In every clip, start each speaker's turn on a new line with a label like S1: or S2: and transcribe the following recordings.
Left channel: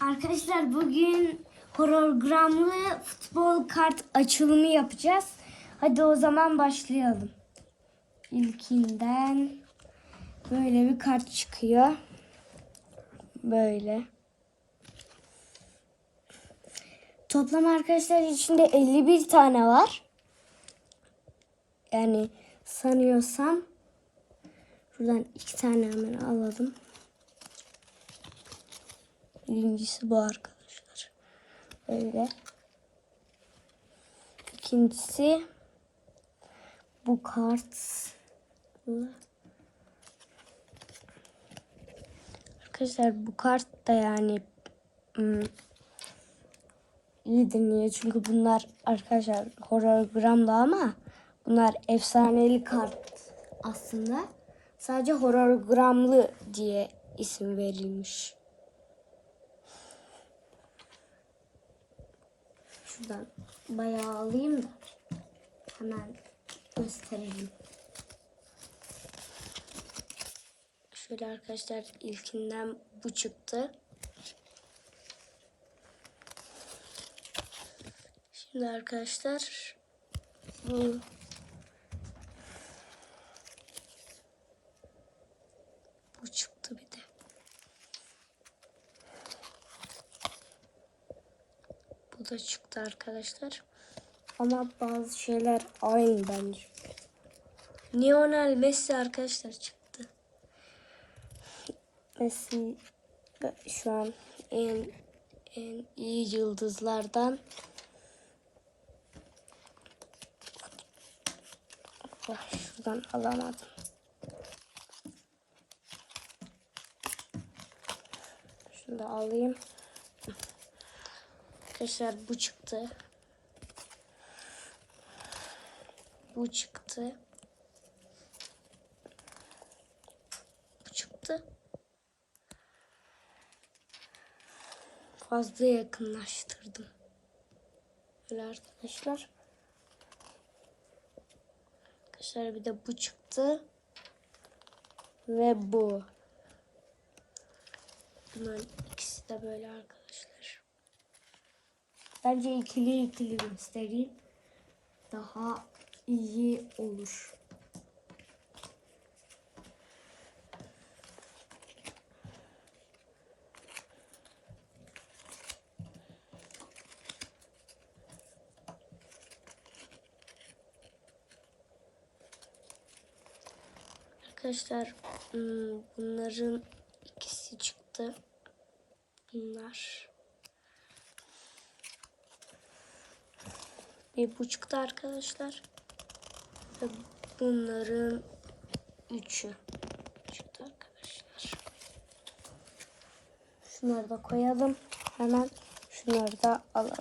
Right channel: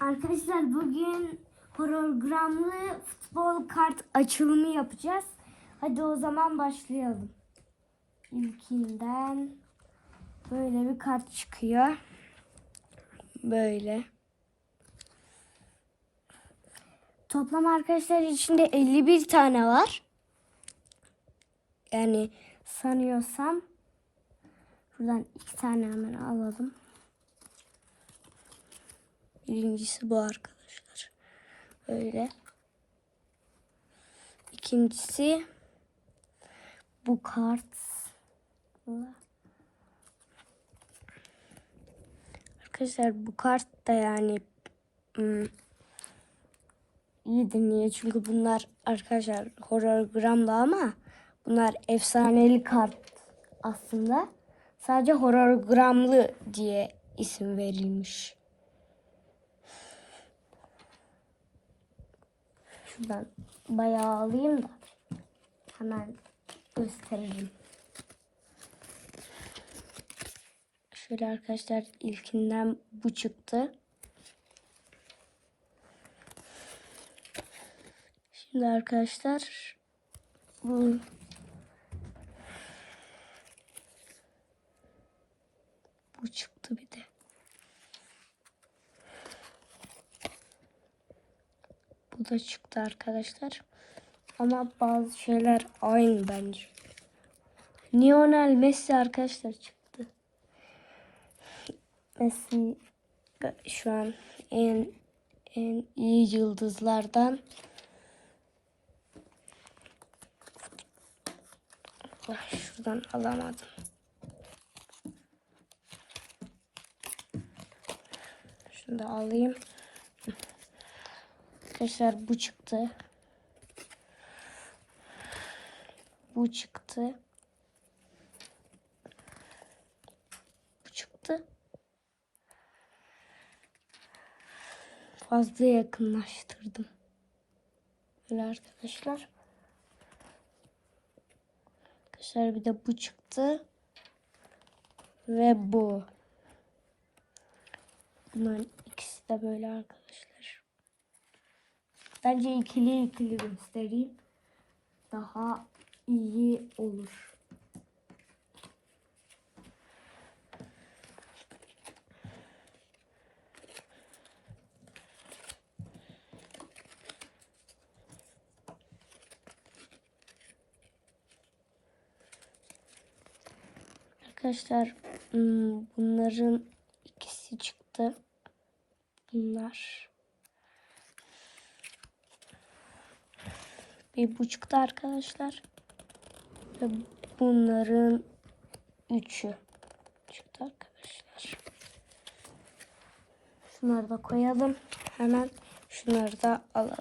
S1: Arkadaşlar bugün hologramlı futbol kart açılımı yapacağız. Hadi o zaman başlayalım. İlkinden böyle bir kart çıkıyor. Böyle. Toplam arkadaşlar içinde 51 tane var. Yani sanıyorsam şuradan iki tane hemen alalım. Birincisi bu arkadaşlar. Öyle. İkincisi bu kart. Arkadaşlar bu kart da yani ım, iyidir niye? Çünkü bunlar arkadaşlar hologramda ama bunlar efsaneli kart aslında. Sadece hologramlı diye isim verilmiş. Şuradan bayağı alayım da hemen göstereyim. Şöyle arkadaşlar ilkinden bu çıktı. Şimdi arkadaşlar bu çıktı bir de. Da çıktı arkadaşlar. Ama bazı şeyler aynı bence. Lionel Messi arkadaşlar çıktı. Messi şu an en en iyi yıldızlardan. Şuradan alamadım. Şunu da alayım. Arkadaşlar bu çıktı. Bu çıktı. Bu çıktı. Fazla yakınlaştırdı. Böyle arkadaşlar. Arkadaşlar bir de bu çıktı. Ve bu. Bunların ikisi de böyle arkadaşlar. Bence ikili ikili göstereyim. Daha iyi olur. Arkadaşlar hmm, bunların ikisi çıktı. Bunlar. Bir buçukta arkadaşlar. Bunların üçü çıktı arkadaşlar. Şunları da koyalım. Hemen şunları da alalım.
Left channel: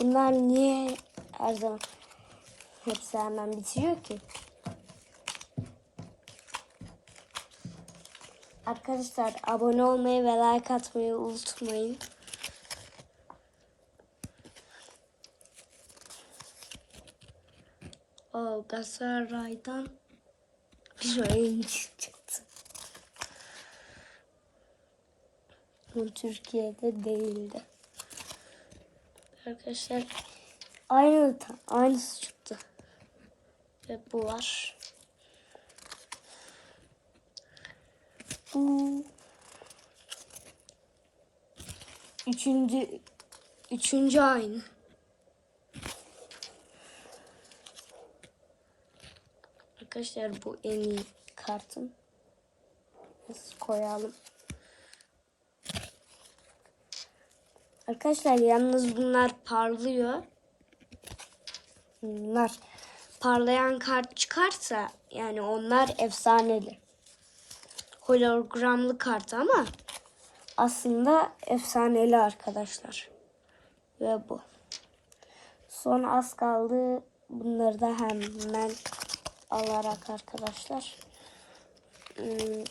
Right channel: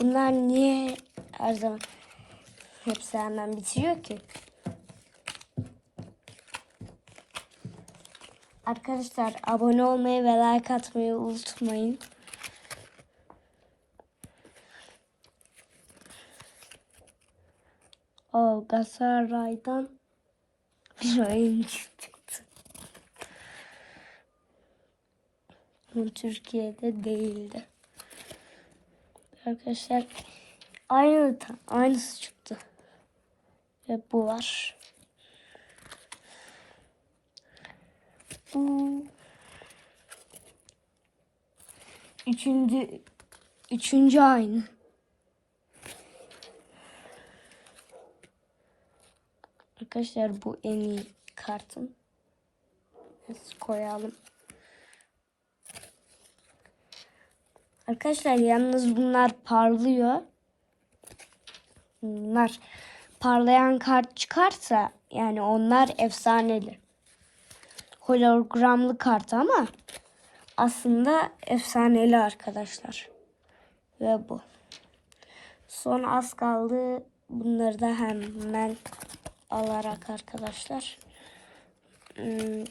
S1: Bunlar niye her zaman hepsi hemen bitiriyor ki? Arkadaşlar abone olmayı ve like atmayı unutmayın. O Galatasaray'dan oyuncu çıktı. Türkiye'de değildi. Arkadaşlar aynı aynısı çıktı. Ve bu var. Bu Üçüncü, üçüncü aynı. Arkadaşlar bu en iyi kartım. Biz koyalım. Arkadaşlar yalnız bunlar parlıyor. Bunlar parlayan kart çıkarsa yani onlar efsaneli. Hologramlı kart ama aslında efsaneli arkadaşlar. Ve bu. Son az kaldı. Bunları da hemen alarak arkadaşlar. Hmm.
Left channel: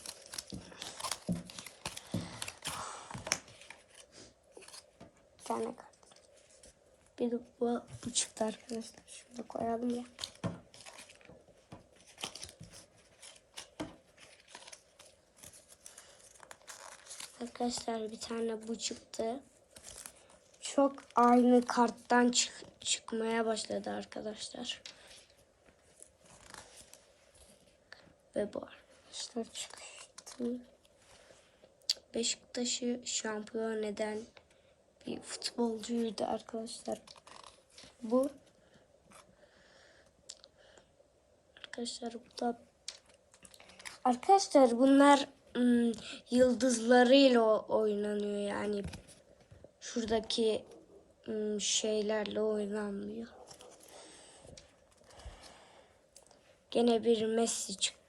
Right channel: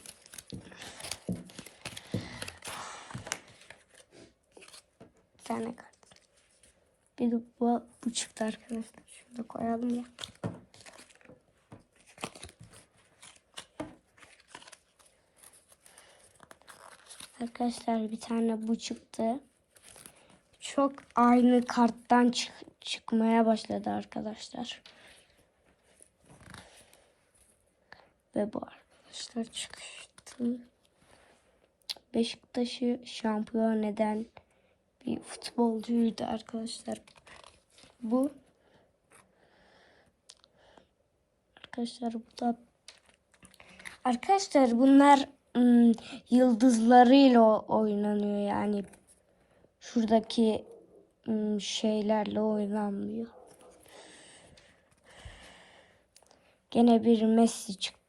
S1: De bu, bu çıktı arkadaşlar. Şunu koyalım. Arkadaşlar bir tane bu çıktı. Çok aynı karttan çık- çıkmaya başladı arkadaşlar. Ve bu arkadaşlar çıktı. Beşiktaş'ı şampiyon eden bir futbolcuydu arkadaşlar. Bu arkadaşlar burada arkadaşlar bunlar ım, yıldızlarıyla o- oynanıyor yani şuradaki ım, şeylerle oynanmıyor. Gene bir Messi çıktı.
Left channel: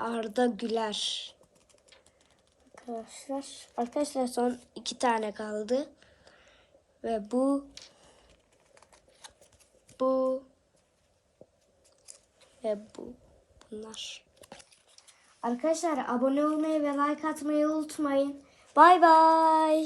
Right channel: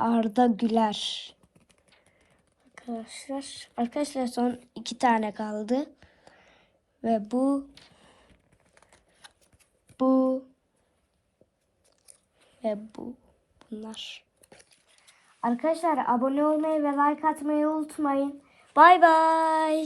S1: Arda Güler. Arkadaşlar, arkadaşlar son iki tane kaldı. Ve bu bu ve bu bunlar. Arkadaşlar abone olmayı ve like atmayı unutmayın. Bay bay.